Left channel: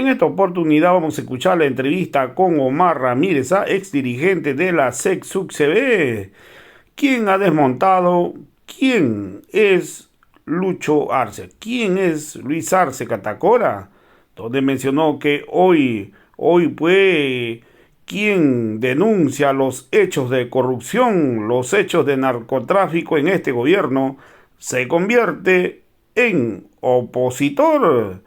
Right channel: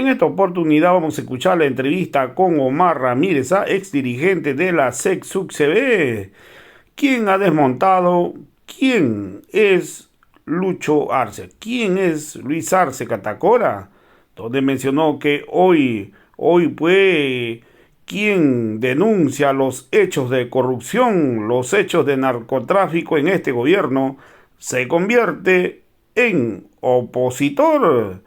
En esta oportunidad vamos a escuchar la entrevista con Omar Ramírez, ex dirigente de la SEC-SUCCB, quien ha desmontado quién es Lucho Arce, quién es Luis Arce Catacora, donde mencionó que hoy fue quien denuncia los hechos de corrupción, los hechos de narcotráfico en este gobierno, se convierte en opositor.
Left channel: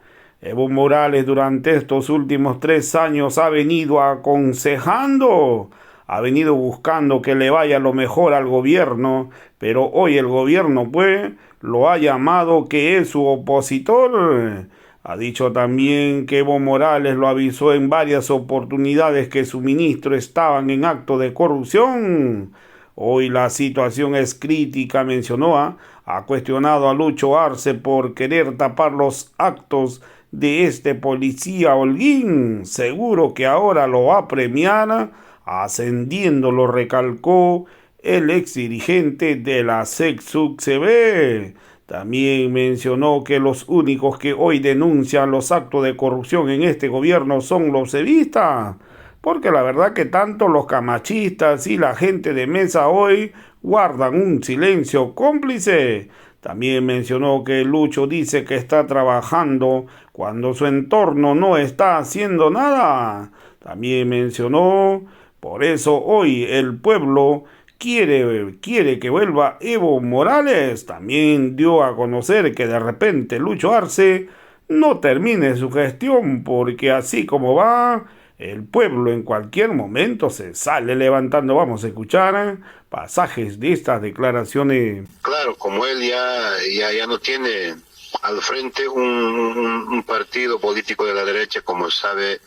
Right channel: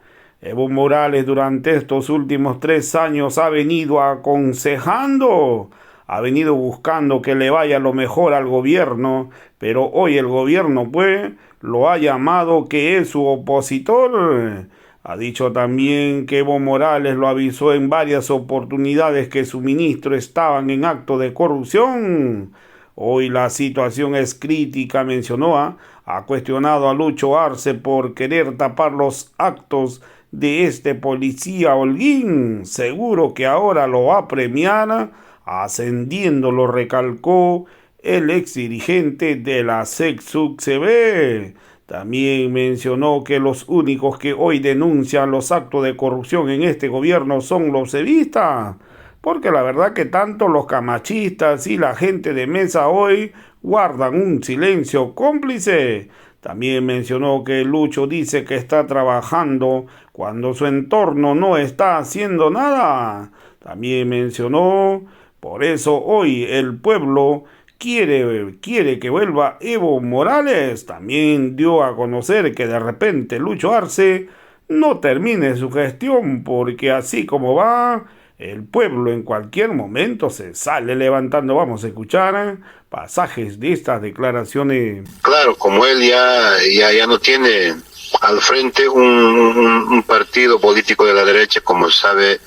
Evo Morales durante estos últimos 3 años ha venido aconsejando, ha venido buscando que le vaya lo mejor al gobierno, pero hoy el gobierno pues lo ha llamado que es su opositor. Ha dicho también que Evo Morales lo avisó en varias oportunidades que su ministro estaban en acto de corrupción. Hoy la situación es crítica, mencionó, ha cuestionado a Lucho Arce por querer tapar los actos de este policía Holguín. Seguro que ahora lo va a premiar, ascendiendo, lo recalcó el ex dirigente de la SEC-SUCCB. También mencionó que los únicos que hoy denuncian los actos de corrupción en este gobierno son los evistas, porque la verdad que tanto los camachistas y la gente de mesa hoy guardan un silencio cómplice. También mencionó que Lucho dice que está trabajando cuando su entorno no está haciendo nada. También mencionó, por eso hoy el pueblo quiere que vuelva Evo Morales. También dio a conocer que de repente Lucho Arce no termine su gestión, porque así como va, el pueblo en cualquier momento se sale levantando. Vamos a escuchar pasajes de estas declaraciones. Claro, como él ya no tiene al frente un partido político de la derecha como sabe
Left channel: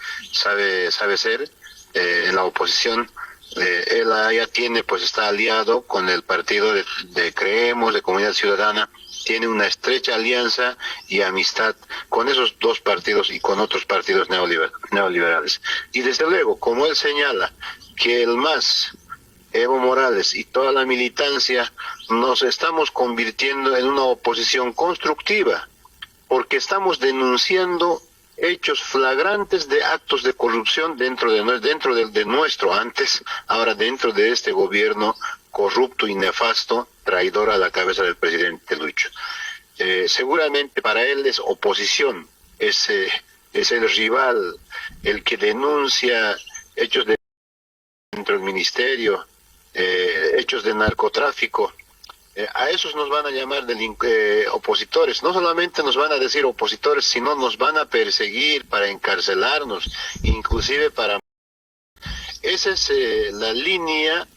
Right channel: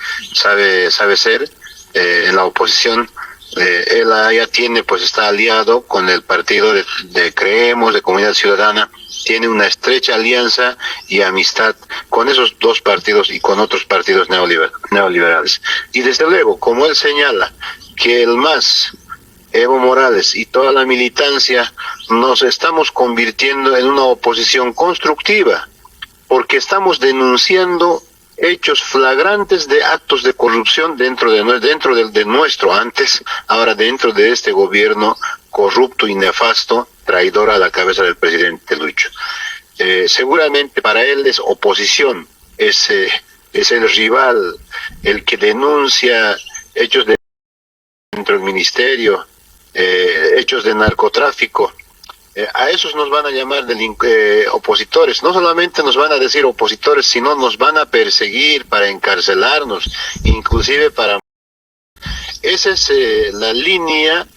ser en la oposición. Él ya tiene, pues está aliado con el partido de Creemos, de Comunidad Ciudadana, tiene una estrecha alianza y amistad con esos dos partidos y con otros partidos neoliberales. Y desde luego, como él señala, que el MAS, Evo Morales y toda la militancia nos estamos convirtiendo en una oposición constructiva, porque estamos denunciando hechos flagrantes de actos de corrupción dentro de nuestro antes, ahora dentro de este gobierno corrupto y nefasto, traidor a la cabeza del presidente Lucho. Seguramente para él es oposición, es el rival, el que denuncia hechos dentro del ministerio, hechos de narcotráfico. A esos nos van a llamar opositores. No solamente nos van a decir opositores, sino nos van a perseguir para encarcelarnos, inclusive para... Esa es la línea,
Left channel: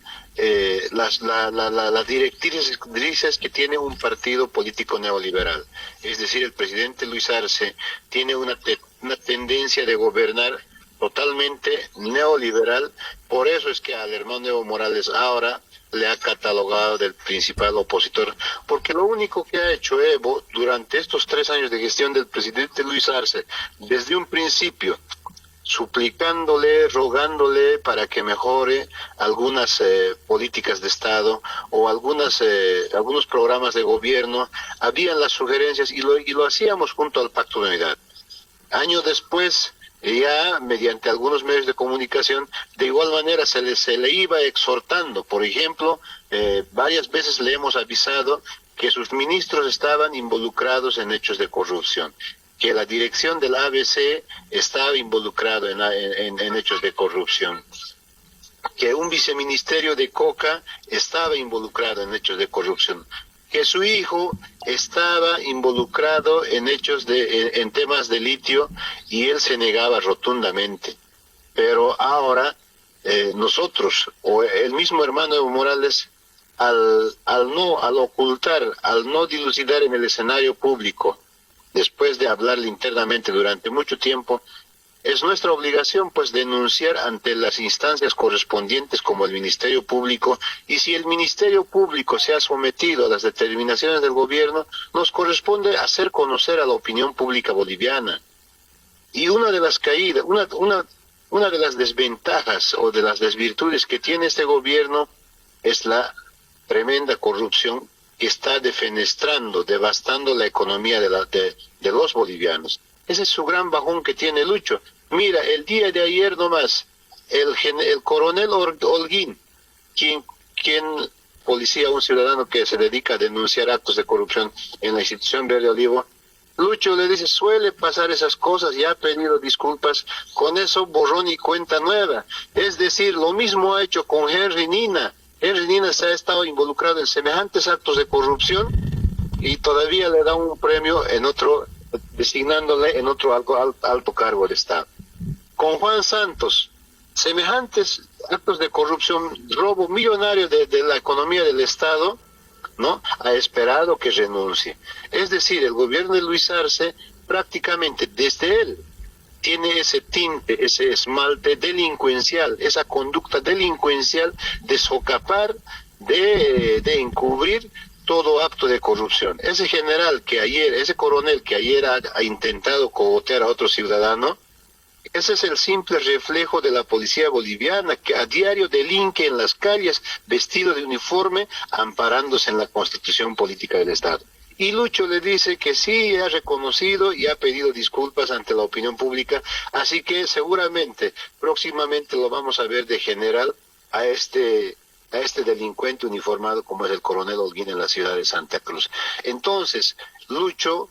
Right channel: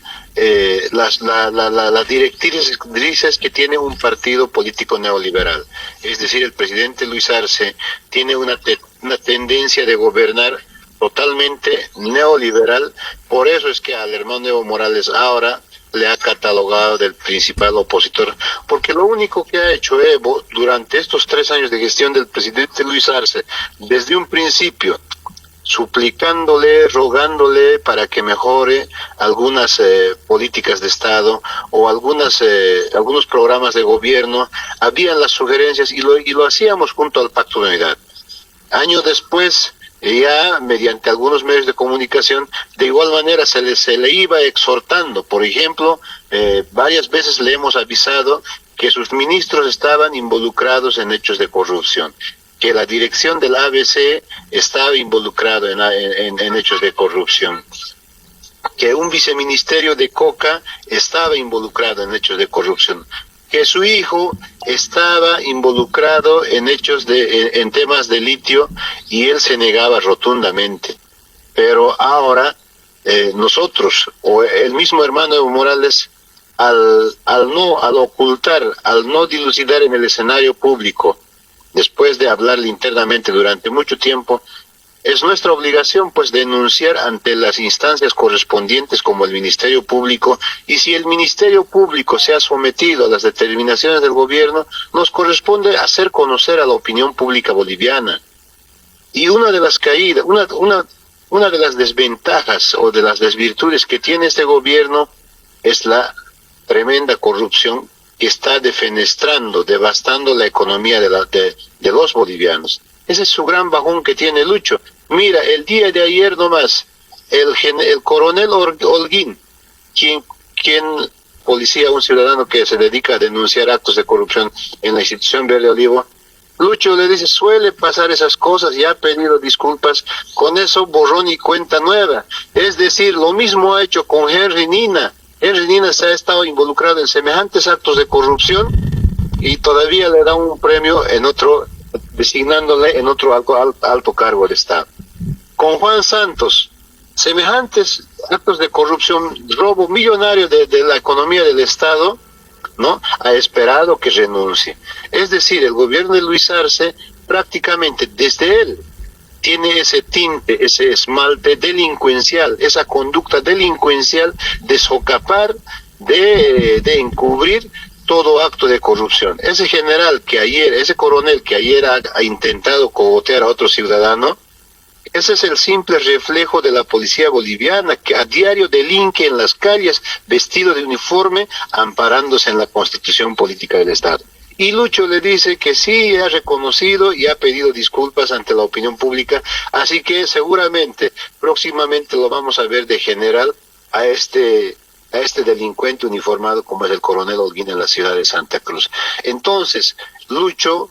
las directrices que tiene un partido político neoliberal. Es decir, el presidente Luis Arce tiene una tendencia de gobernar totalmente neoliberal. Por eso es que al hermano Evo Morales ahora le ha catalogado del principal opositor, porque lo único que ha hecho Evo durante estos 3 años de gestión del presidente Luis Arce, desde un principio, suplicándole, rogándole para que mejore algunas políticas de Estado o algunos programas de gobierno, habían las sugerencias y lo hacíamos junto al Pacto de Unidad. Años después, ya mediante algunos medios de comunicación, de igual manera se le iba exhortando. Por ejemplo, varias veces le hemos avisado que sus ministros estaban involucrados en hechos de corrupción, que la dirección del ABC estaba involucrado en hechos de corrupción, que un viceministerio de Coca estaba involucrado en hechos de corrupción, que su hijo estaba involucrado en en temas de litio, y él se negaba rotundamente. Pero ahora nosotros, o el mismo hermano Evo Morales, al ocultar, al no dilucidar en el escenario público, después de hablarle internamente durante mucho tiempo, es nuestra obligación pues denunciar ante las instancias correspondientes como el Ministerio Público, y si el Ministerio Público se ha sometido a las determinaciones del gobierno, nos corresponde hacer conocer a la opinión pública boliviana. Y una de las caídas, una de las desventajas o de las desvirtudes que tiene este gobierno es la tremenda corrupción que está defenestrando, devastando la economía de los bolivianos. Ese es su gran bajón que tiene Lucho. Mira, el día de ayer nomás, el coronel Holguín, quien policía, un ciudadano que se dedica a denunciar actos de corrupción en la institución Verde Olivo, Lucho le dice, suele pasar esas cosas, ya ha pedido disculpas, con eso borrón y cuenta nueva. Es decir, lo mismo ha hecho con Henry Nina. Henry Nina se ha estado involucrado en semejantes actos de corrupción y todavía le da un premio en otro, designándole en otro alto cargo del Estado. Con Juan Santos, semejantes actos de corrupción, robo millonario de la economía del Estado, ¿no? Ha esperado que renuncie. Es decir, el gobierno de Luis Arce prácticamente desde él tiene ese tinte, ese esmalte delincuencial, esa conducta delincuencial de socapar, de encubrir todo acto de corrupción. Ese general que ayer, ese coronel que ayer ha intentado cogotear a otro ciudadano, ese es el simple reflejo de la policía boliviana que a diario delinque en las calles vestido de uniforme amparándose en la constitución política del Estado. Y Lucho le dice que sí, ha reconocido y ha pedido disculpas ante la opinión pública, así que seguramente próximamente lo vamos a ver de general a este delincuente uniformado como es el coronel Holguín en la ciudad de Santa Cruz. Entonces, Lucho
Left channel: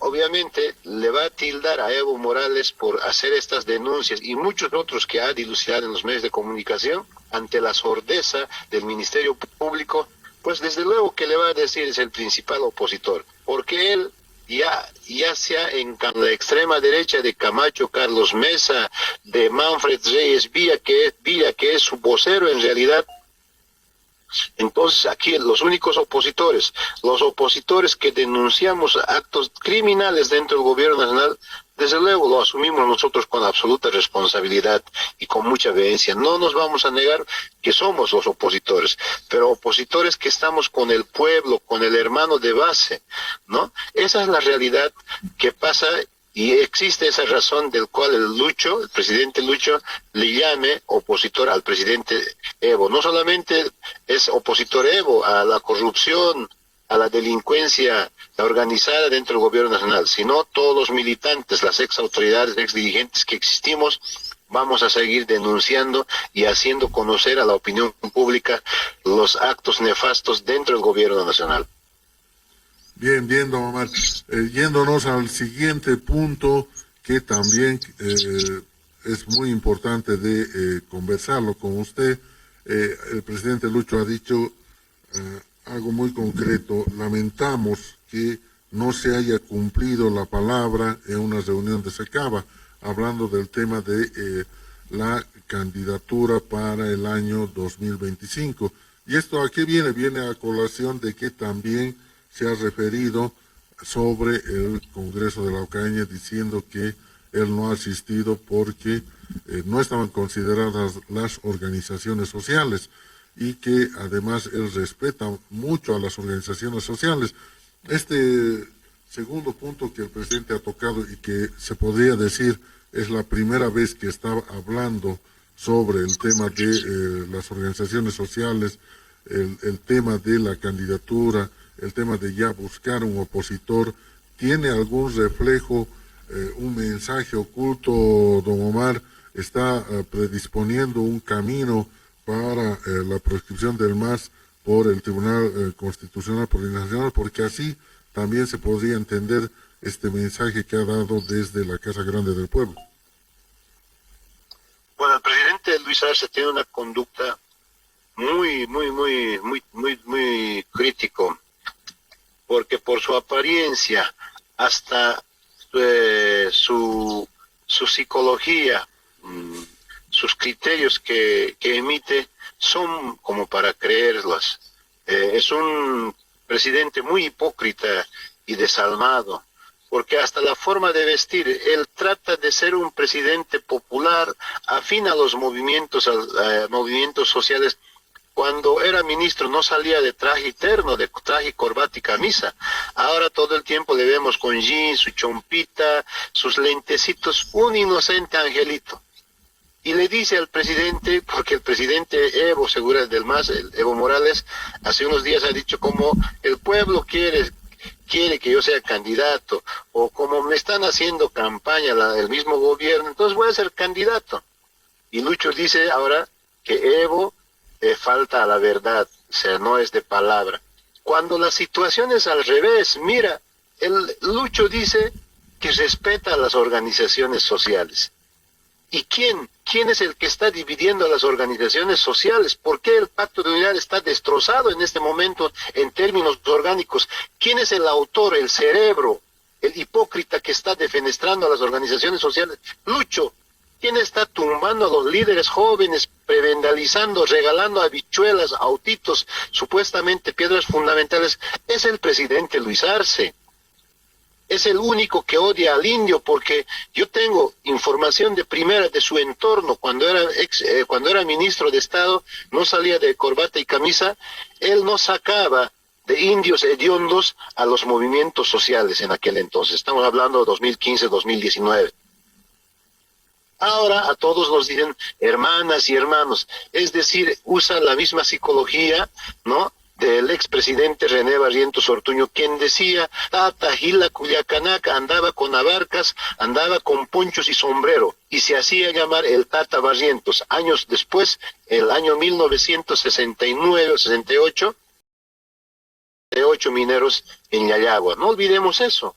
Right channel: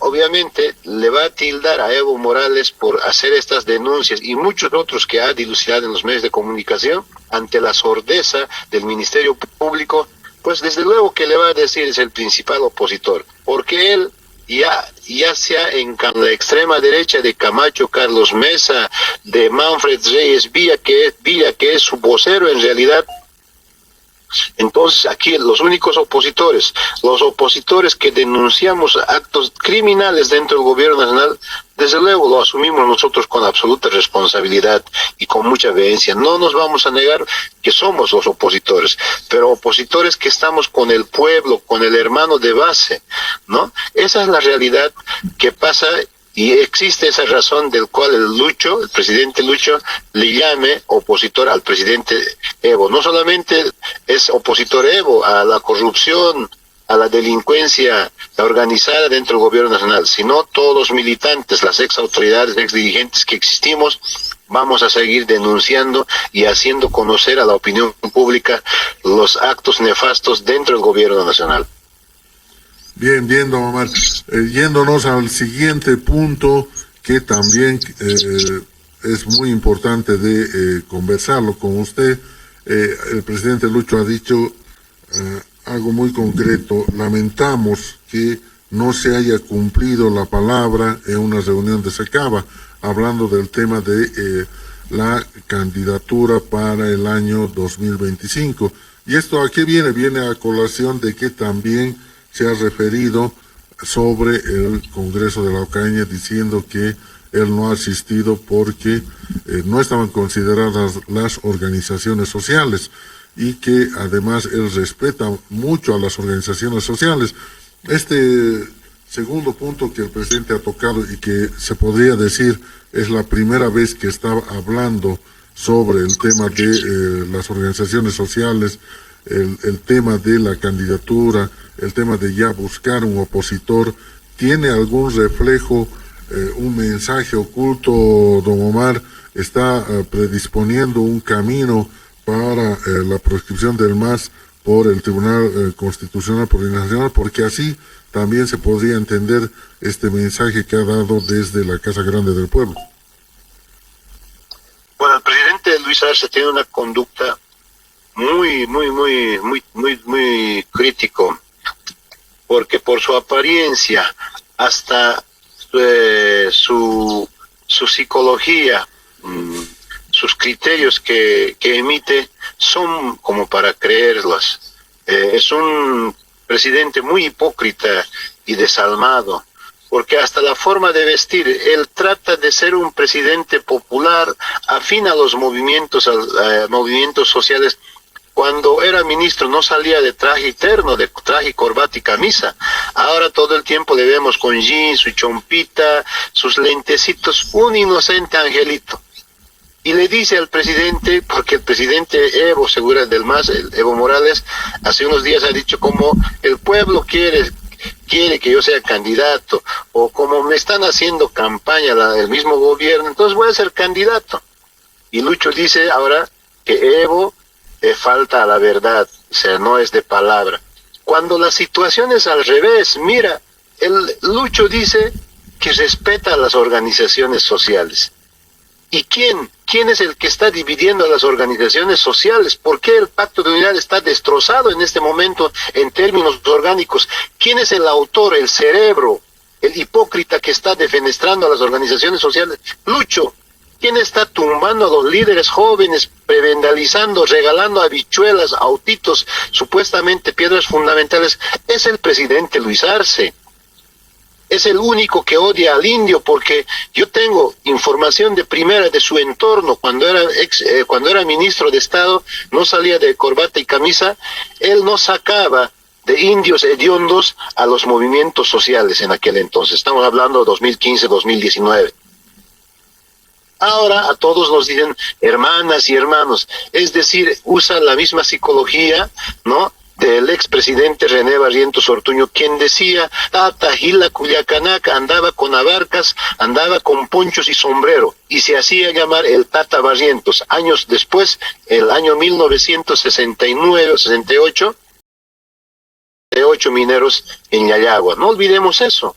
obviamente le va a tildar a Evo Morales por hacer estas denuncias y muchos otros que ha dilucidado en los medios de comunicación ante la sordeza del Ministerio Público, pues desde luego que le va a decir es el principal opositor, porque él ya sea en la extrema derecha de Camacho Carlos Mesa, de Manfred Reyes Villa, que es su vocero en realidad. Entonces aquí los únicos opositores, los opositores que denunciamos actos criminales dentro del gobierno nacional, desde luego lo asumimos nosotros con absoluta responsabilidad y con mucha vehemencia. No nos vamos a negar que somos los opositores, pero opositores que estamos con el pueblo, con el hermano de base, ¿no? Esa es la realidad que pasa. Y existe esa razón del cual el presidente Lucho, le llame opositor al presidente Evo. No solamente es opositor Evo a la corrupción, a la delincuencia organizada dentro del gobierno nacional, sino todos los militantes, las ex autoridades, ex dirigentes que existimos, vamos a seguir denunciando y haciendo conocer a la opinión pública los actos nefastos dentro del gobierno nacional. Bien, bien, don Omar. Yéndonos al siguiente punto que también es muy importante de conversarlo con usted. El presidente Lucho ha dicho algo muy concreto. Lamentamos que no se haya cumplido la palabra en una reunión de Secaba, hablando del tema de la candidatura para el año 2025. ¿Y esto a qué viene? Viene a colación de que también se ha referido sobre el Congreso de la Ocaña diciendo que él no ha asistido porque no estaban consideradas las organizaciones sociales y que además él respeta mucho a las organizaciones sociales. Este segundo punto que el presidente ha tocado y que se podría decir es la primera vez que está hablando sobre el tema de las organizaciones sociales, el tema de la candidatura, el tema de ya buscar un opositor, ¿tiene algún reflejo, un mensaje oculto, don Omar? ¿Está predisponiendo un camino para la proscripción del MAS por el Tribunal Constitucional Plurinacional? Porque así también se podría entender este mensaje que ha dado desde la Casa Grande del Pueblo. Bueno, el presidente Luis Arce tiene una conducta muy crítico, porque por su apariencia, hasta su psicología, sus criterios que emite, son como para creerlos. Es un presidente muy hipócrita y desalmado, porque hasta la forma de vestir, él trata de ser un presidente popular, afín a los movimientos sociales. Cuando era ministro no salía de traje terno, de traje, corbata y camisa. Ahora todo el tiempo le vemos con jeans, su chompita, sus lentecitos, un inocente angelito. Y le dice al presidente, porque el presidente Evo, seguro del MAS, Evo Morales, hace unos días ha dicho como el pueblo quiere quiere que yo sea candidato, o como me están haciendo campaña el mismo gobierno, entonces voy a ser candidato. Y Lucho dice ahora que Evo falta a la verdad, o sea, no es de palabra. Cuando la situación es al revés, mira, el Lucho dice que respeta a las organizaciones sociales. ¿Y quién es el que está dividiendo a las organizaciones sociales? ¿Por qué el Pacto de Unidad está destrozado en este momento en términos orgánicos? ¿Quién es el autor, el cerebro, el hipócrita que está defenestrando a las organizaciones sociales? Lucho. ¿Quién está tumbando a los líderes jóvenes, prebendalizando, regalando habichuelas, autitos, supuestamente piedras fundamentales? Es el presidente Luis Arce. Es el único que odia al indio, porque yo tengo información de primera de su entorno. Cuando era ministro de Estado, no salía de corbata y camisa. Él no sacaba de indios hediondos a los movimientos sociales en aquel entonces. Estamos hablando de 2015, 2019. Ahora a todos nos dicen hermanas y hermanos, es decir, usa la misma psicología, ¿no?, del expresidente René Barrientos Ortuño, quien decía, Tata Gila Culiacanaca andaba con abarcas, andaba con ponchos y sombrero, y se hacía llamar el Tata Barrientos. Años después, en el año 1969 68, 8 mineros en Yayagua. No olvidemos eso.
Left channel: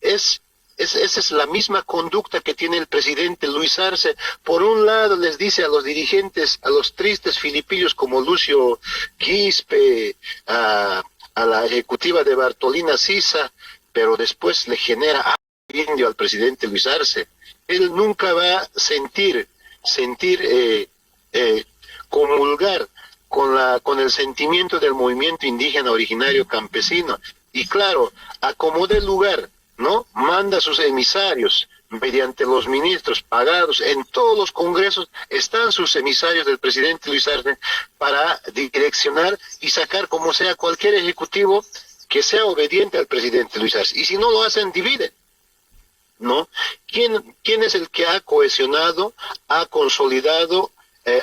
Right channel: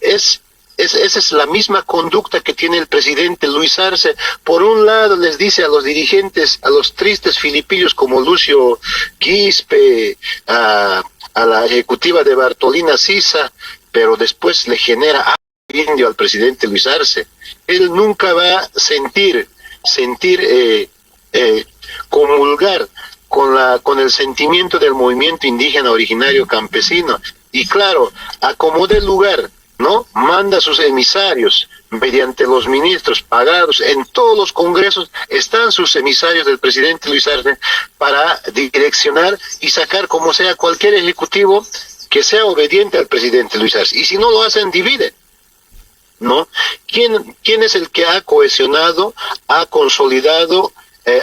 Esa es la misma conducta que tiene el presidente Luis Arce. Por un lado les dice a los dirigentes, a los tristes filipillos como Lucio Quispe, a la ejecutiva de Bartolina Sisa, pero después le genera indio al presidente Luis Arce. Él nunca va a comulgar con el sentimiento del movimiento indígena originario campesino. Y claro, acomode el lugar, ¿no? Manda sus emisarios mediante los ministros pagados. En todos los congresos están sus emisarios del presidente Luis Arce para direccionar y sacar como sea cualquier ejecutivo que sea obediente al presidente Luis Arce. Y si no lo hacen, dividen, ¿no? ¿Quién es el que ha cohesionado, ha consolidado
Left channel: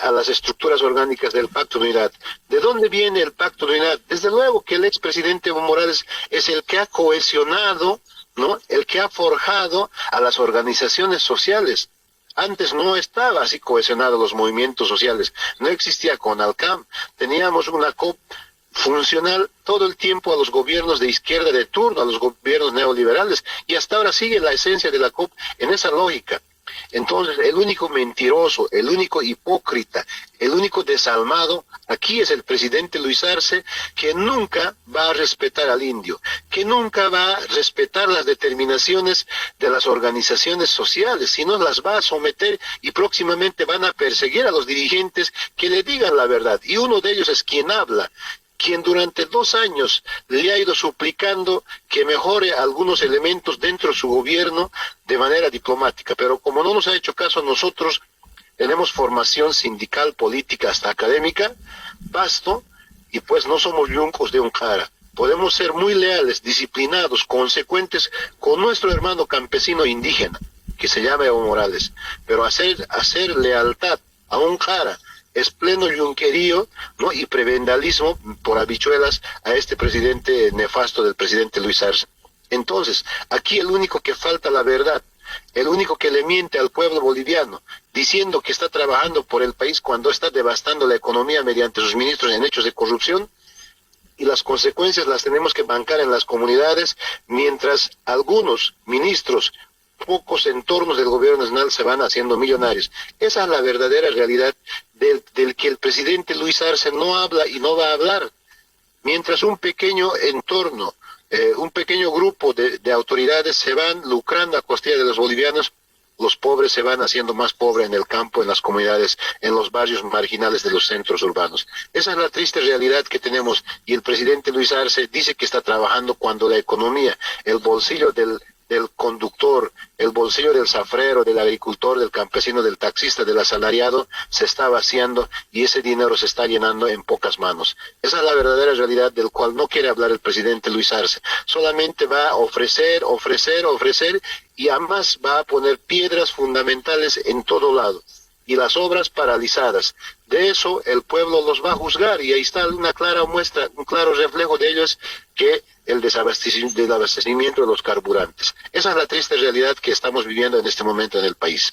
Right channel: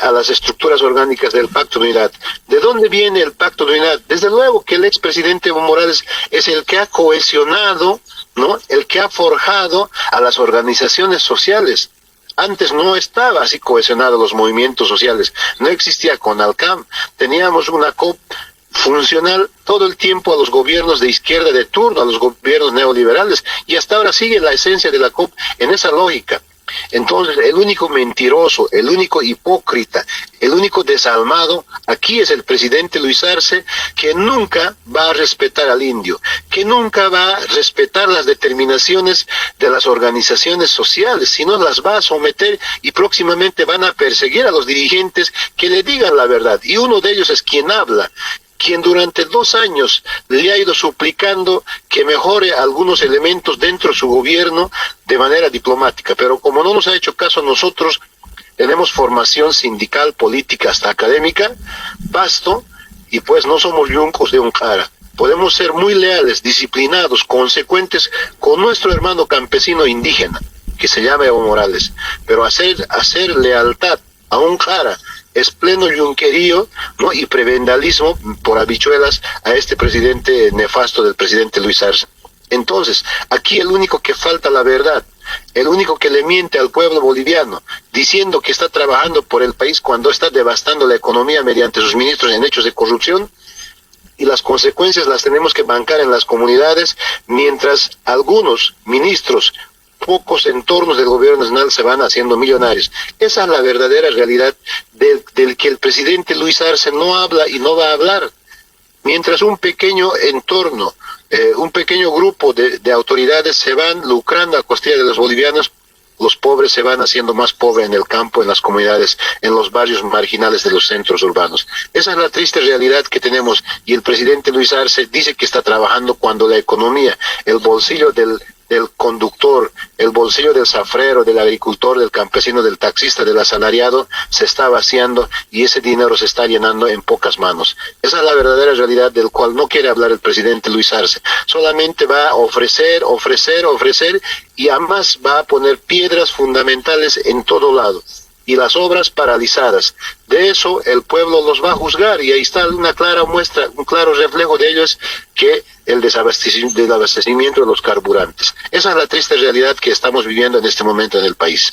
a las estructuras orgánicas del Pacto de Unidad? ¿De dónde viene el Pacto de Unidad? Desde luego que el expresidente Evo Morales es el que ha cohesionado, ¿no?, el que ha forjado a las organizaciones sociales. Antes no estaba así cohesionado los movimientos sociales, no existía CONALCAM, teníamos una COP funcional todo el tiempo a los gobiernos de izquierda de turno, a los gobiernos neoliberales, y hasta ahora sigue la esencia de la COP en esa lógica. Entonces, el único mentiroso, el único hipócrita, el único desalmado, aquí es el presidente Luis Arce, que nunca va a respetar al indio, que nunca va a respetar las determinaciones de las organizaciones sociales, sino las va a someter y próximamente van a perseguir a los dirigentes que le digan la verdad. Y uno de ellos es quien habla, quien durante 2 años le ha ido suplicando que mejore algunos elementos dentro de su gobierno de manera diplomática. Pero como no nos ha hecho caso, nosotros tenemos formación sindical, política, hasta académica, basto, y pues no somos yuncos de un cara. Podemos ser muy leales, disciplinados, consecuentes con nuestro hermano campesino indígena, que se llama Evo Morales. Pero hacer lealtad a un cara es pleno yunquerío, ¿no?, y prebendalismo por habichuelas a este presidente nefasto del presidente Luis Arce. Entonces, aquí el único que falta la verdad, el único que le miente al pueblo boliviano, diciendo que está trabajando por el país cuando está devastando la economía mediante sus ministros en hechos de corrupción, y las consecuencias las tenemos que bancar en las comunidades, mientras algunos ministros, pocos entornos del gobierno nacional se van haciendo millonarios. Esa es la verdadera realidad del que el presidente Luis Arce no habla y no va a hablar. Mientras un pequeño entorno, un pequeño grupo de autoridades se van lucrando a costilla de los bolivianos, los pobres se van haciendo más pobres en el campo, en las comunidades, en los barrios marginales de los centros urbanos. Esa es la triste realidad que tenemos, y el presidente Luis Arce dice que está trabajando cuando la economía, el bolsillo del conductor, el bolsillo del zafrero, del agricultor, del campesino, del taxista, del asalariado, se está vaciando y ese dinero se está llenando en pocas manos. Esa es la verdadera realidad del cual no quiere hablar el presidente Luis Arce. Solamente va a ofrecer y además va a poner piedras fundamentales en todo lado. y las obras paralizadas. De eso el pueblo los va a juzgar, y ahí está una clara muestra, un claro reflejo de ellos, que el desabastecimiento de los carburantes. Esa es la triste realidad que estamos viviendo en este momento en el país.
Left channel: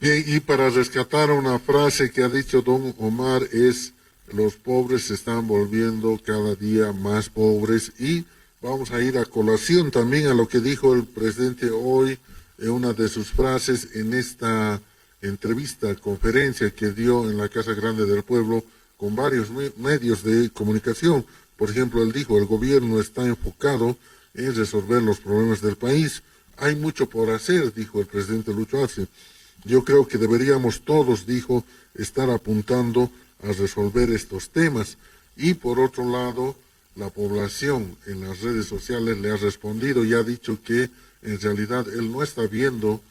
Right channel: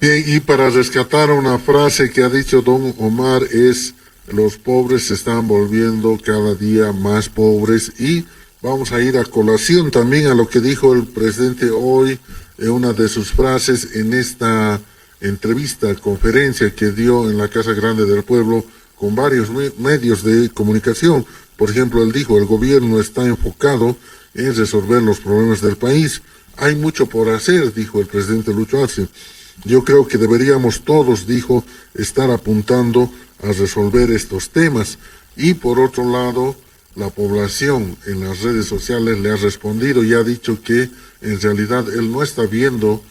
Bien, y para rescatar una frase que ha dicho don Omar es: los pobres se están volviendo cada día más pobres. Y vamos a ir a colación también a lo que dijo el presidente hoy en una de sus frases en esta entrevista, conferencia que dio en la Casa Grande del Pueblo con varios medios de comunicación. Por ejemplo, él dijo: el gobierno está enfocado en resolver los problemas del país. Hay mucho por hacer, dijo el presidente Lucho Arce. Yo creo que deberíamos todos, dijo, estar apuntando a resolver estos temas. Y por otro lado, la población en las redes sociales le ha respondido y ha dicho que en realidad él no está viendo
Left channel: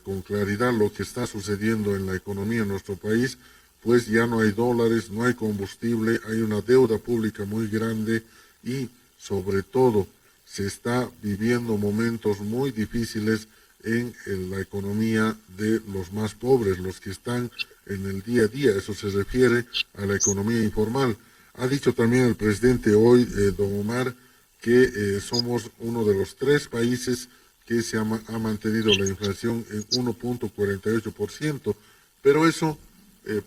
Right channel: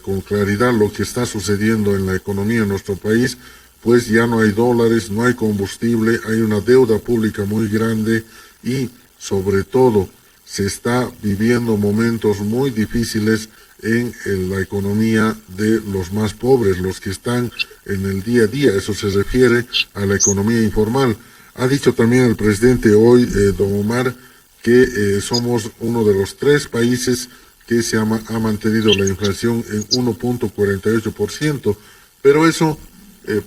con claridad lo que está sucediendo en la economía en nuestro país, pues ya no hay dólares, no hay combustible, hay una deuda pública muy grande y sobre todo se está viviendo momentos muy difíciles en la economía de los más pobres, los que están en el día a día. Eso se refiere a la economía informal. Ha dicho también el presidente hoy, don Omar, que somos uno de los 3 países que se ha mantenido la inflación en 1.48%, pero eso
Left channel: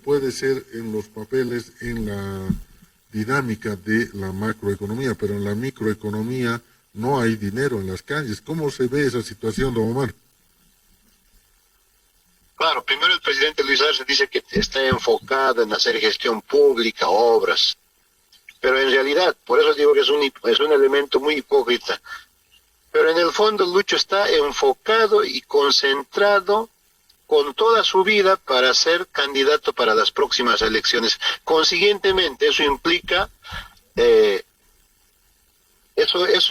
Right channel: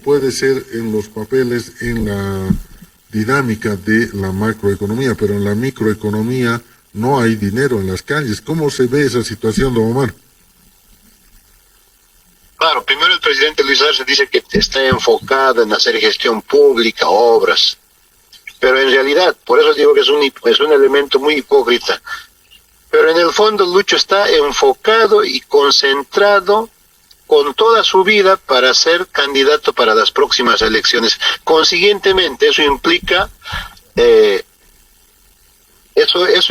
puede ser en los papeles, en la dinámica de la macroeconomía, pero en la microeconomía no hay dinero en las calles. ¿Cómo se ve esa situación, don Omar? Claro, primero el presidente Luis Arce dice que está enfocado en hacer gestión pública, obras, pero en realidad, por eso digo que es un elemento muy hipócrita. Pero en el fondo Lucho está enfocado y concentrado con toda su vida para ser candidato para las próximas elecciones. Consiguientemente, eso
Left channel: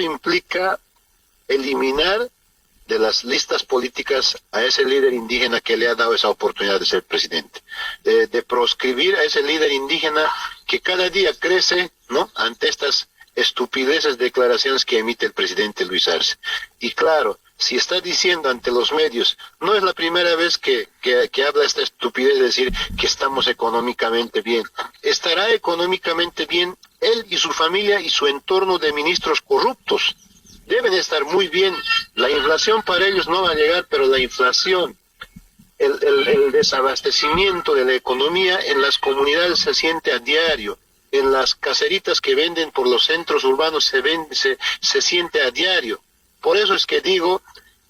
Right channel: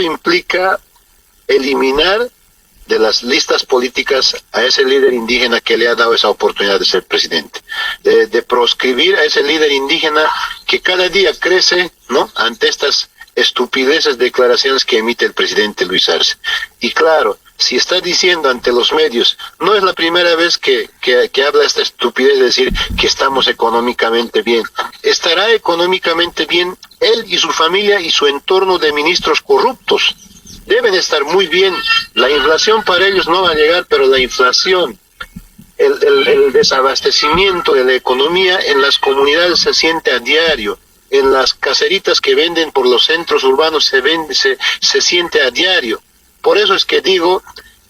implica eliminar de las listas políticas a ese líder indígena que le ha dado esa oportunidad de ser presidente, de proscribir a ese líder indígena que cada día crece, ¿no?, ante estas estupideces declaraciones que emite el presidente Luis Arce. Y claro, si está diciendo ante los medios, no es la primera vez que habla esta estupidez de decir que estamos económicamente bien. Estará económicamente bien él y su familia y su entorno de ministros corruptos. Deben estar muy bien. La inflación para ellos no va a llegar, pero la inflación, el desabastecimiento de la economía en las comunidades se siente a diario. En las caseritas que venden por los centros urbanos se siente a diario. Por eso es que digo,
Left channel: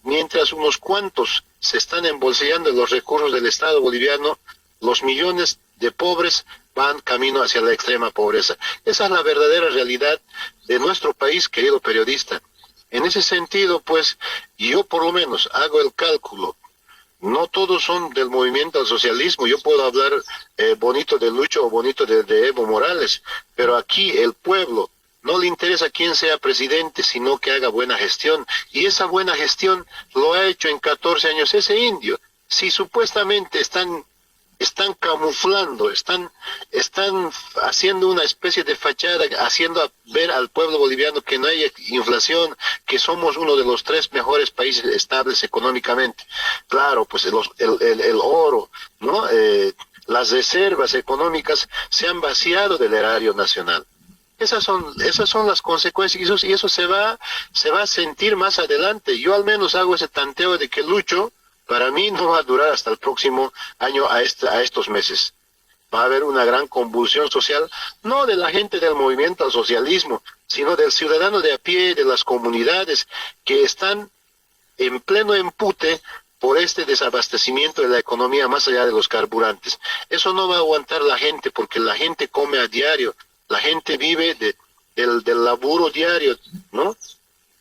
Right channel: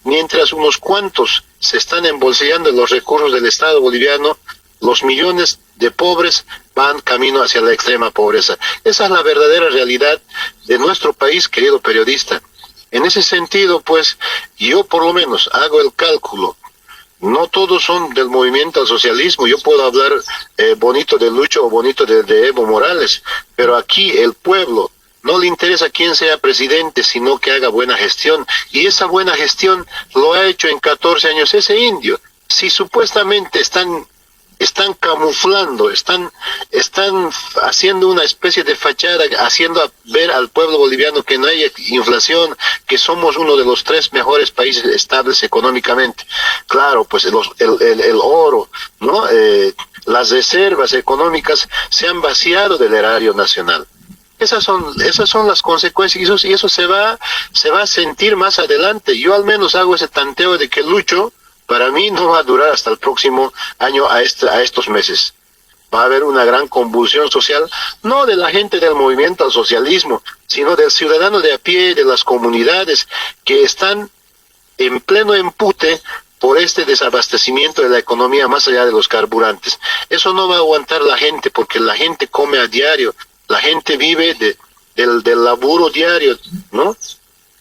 mientras unos cuantos se están embolsillando los recursos del Estado boliviano, los millones de pobres van camino hacia la extrema pobreza. Esa es la verdadera realidad de nuestro país, querido periodista. En ese sentido, pues, yo por lo menos hago el cálculo. No todos son del movimiento al socialismo. Yo puedo hablar bonito de Lucho o bonito de Evo Morales, pero aquí el pueblo no le interesa quién sea presidente, sino que haga buena gestión. Y esa buena gestión lo ha hecho en 14 años ese indio. Si supuestamente están camuflando, están haciendo una especie de fachada, haciendo ver al pueblo boliviano que no hay inflación, que somos uno de los 3 mejores países estables económicamente. Claro, pues el oro, ¿no? Las reservas económicas se han vaciado del erario nacional. Esas son las consecuencias, y eso se va a sentir más adelante. Yo al menos hago ese tanteo de que Lucho, para mí, no va a durar hasta el próximo año a estos meses. Va a haber una gran convulsión social, no de la gente del movimiento al socialismo, sino del ciudadano de a pie, de las comunidades, que están en pleno empute por este desabastecimiento de la economía más allá de los carburantes. Eso no va a aguantar la gente, porque la gente come a diario, la gente vive del laburo diario, ¿no?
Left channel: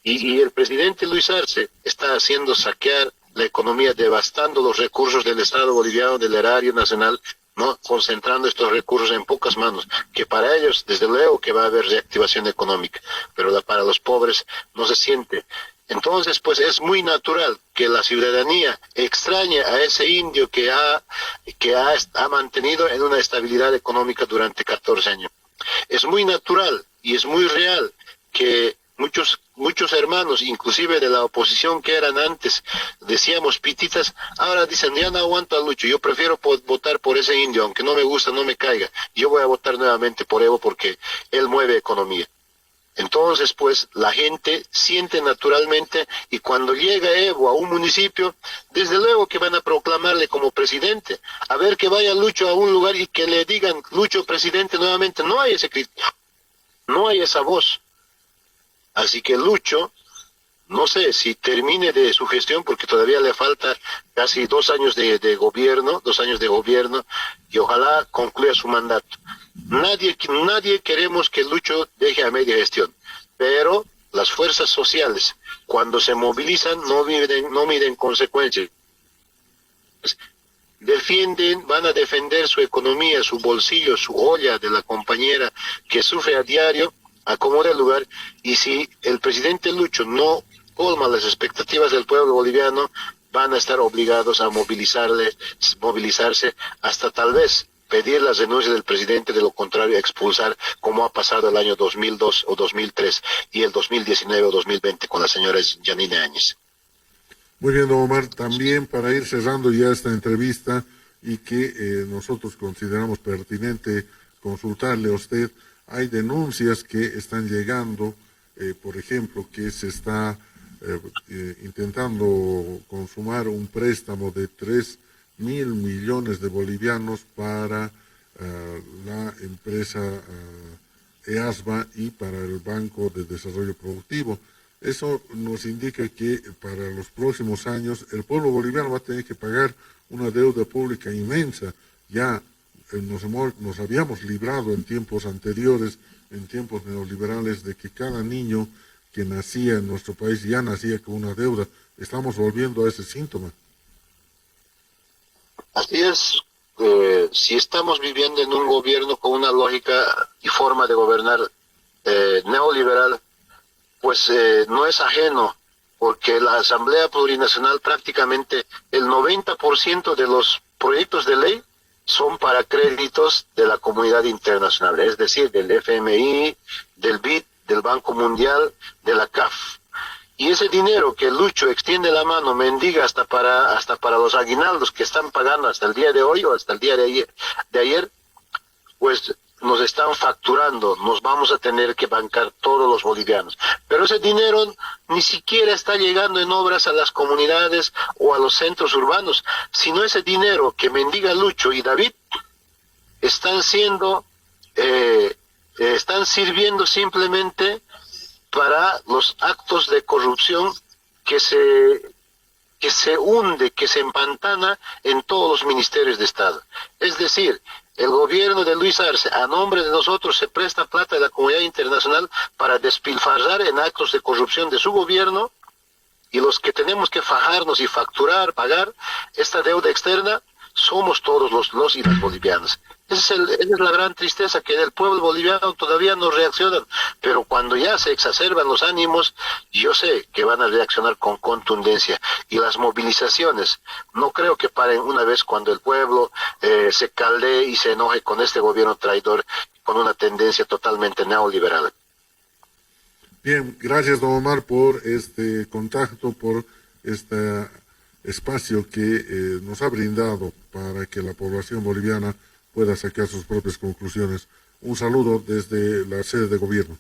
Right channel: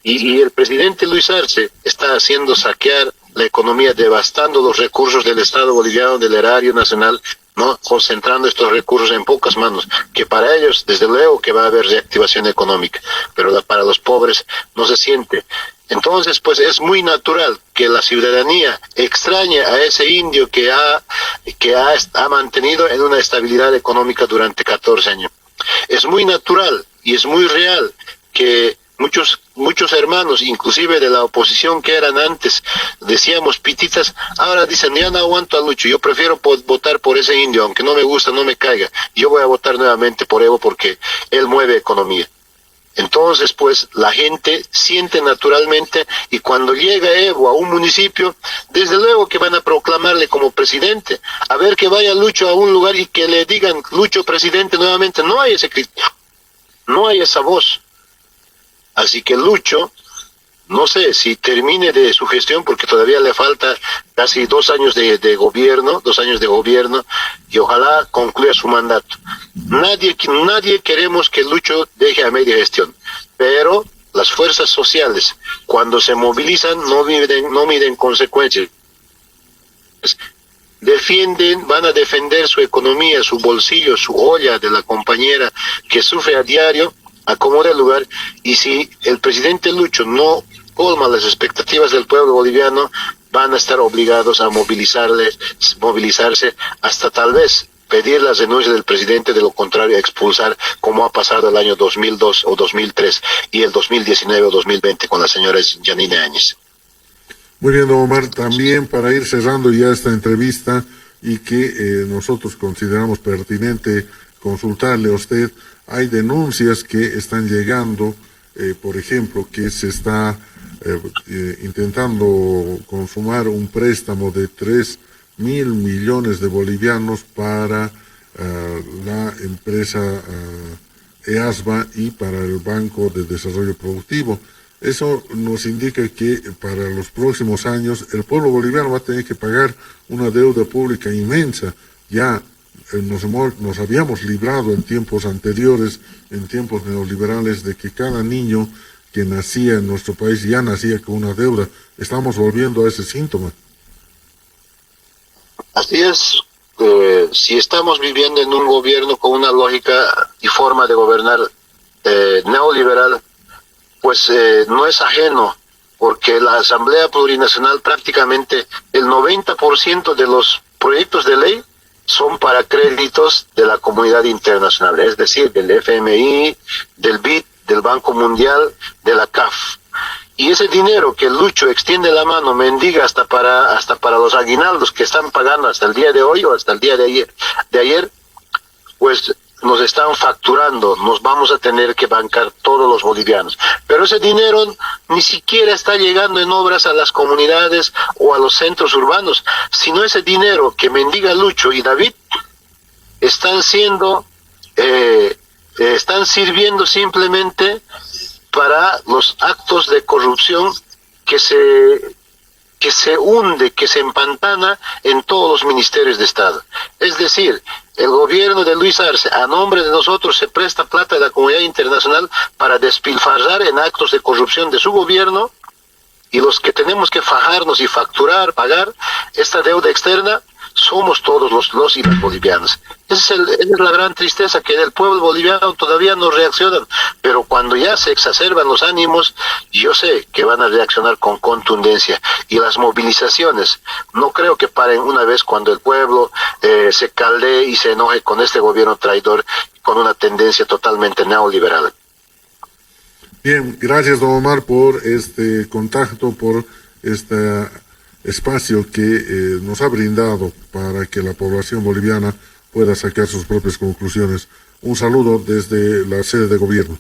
Y el presidente Luis Arce está haciendo saquear la economía, devastando los recursos del Estado boliviano, del erario nacional, no concentrando estos recursos en pocas manos, que para ellos, desde luego, que va a haber reactivación económica, pero para los pobres no se siente. Entonces, pues es muy natural que la ciudadanía extrañe a ese indio que ha mantenido en una estabilidad económica durante 14 años. Es muy natural y es muy real que muchos hermanos, inclusive de la oposición que eran antes, decíamos pititas, ahora dicen, ya no aguanto a Lucho, yo prefiero votar por ese indio, aunque no me gusta, no me caiga, yo voy a votar nuevamente por Evo porque él mueve economía. Entonces, pues, la gente siente naturalmente, y cuando llega Evo a un municipio, desde luego que van a proclamarle como presidente. A ver, que vaya Lucho a un lugar y que le digan, Lucho presidente nuevamente, no hay ese criterio, no hay esa voz. Así que Lucho, no sé si termine de su gestión, porque todavía le falta casi 2 años de gobierno, 2 años de gobierno, y ojalá concluya su mandato. Nadie queremos que Lucho deje a media gestión, pero las fuerzas sociales, cuando se movilizan, no miden consecuencias. Van a defender su economía, su bolsillo, su olla de la compañera que sufre a diario, acomoda el lugar, y si el presidente Lucho no colma las expectativas del pueblo boliviano, van a estar obligados a movilizarse hasta tal vez pedir las renuncias del presidente, de lo contrario a expulsar, como ha pasado el año 2002 o 2003 y el 2019 o 2020 con la señora Yanine Áñez. Muy bien, don Omar, también para ir cerrando ya esta entrevista y que nosotros consideramos pertinente consultarle a usted, hay denuncias que están llegando, por ejemplo, que se está intentando consumar un préstamo de 3.000 millones de bolivianos para la empresa EASBA y para el Banco de Desarrollo Productivo. Eso nos indica que para los próximos años el pueblo boliviano va a tener que pagar una deuda pública inmensa. Ya nos habíamos librado en tiempos anteriores, en tiempos neoliberales, de que cada niño que nacía en nuestro país ya nacía con una deuda. Estamos volviendo a ese síntoma. Así es. Si estamos viviendo en un gobierno con una lógica y forma de gobernar neoliberal, pues no es ajeno, porque la Asamblea Plurinacional, prácticamente el 90% de los proyectos de ley son para créditos de la comunidad internacional, es decir, del FMI, del BID, del Banco Mundial, de la CAF. Y ese dinero que Lucho extiende la mano, mendiga hasta para los aguinaldos que están pagando hasta el día de hoy o hasta el día de ayer, pues nos están facturando, nos vamos a tener que bancar todos los bolivianos. Pero ese dinero ni siquiera está llegando en obras a las comunidades o a los centros urbanos, sino ese dinero que mendiga Lucho y David están sirviendo simplemente para los actos de corrupción que se hunde, que se empantana en todos los ministerios de Estado. Es decir, el gobierno de Luis Arce, a nombre de nosotros, se presta plata de la comunidad internacional para despilfarrar en actos de corrupción de su gobierno, y los que tenemos que fajarnos y facturar, pagar esta deuda externa, somos todos los y las bolivianos. Esa es la gran tristeza, que del pueblo boliviano todavía no reaccionan, pero cuando ya se exacerban los ánimos, yo sé que van a reaccionar con contundencia, y las movilizaciones no creo que paren una vez cuando el pueblo se caldee y se enoje con este gobierno traidor, con una tendencia totalmente neoliberal. Bien, gracias, don Omar, por este contacto, por este espacio que nos ha brindado para que la población boliviana pueda sacar sus propias conclusiones. Un saludo desde la sede de gobierno.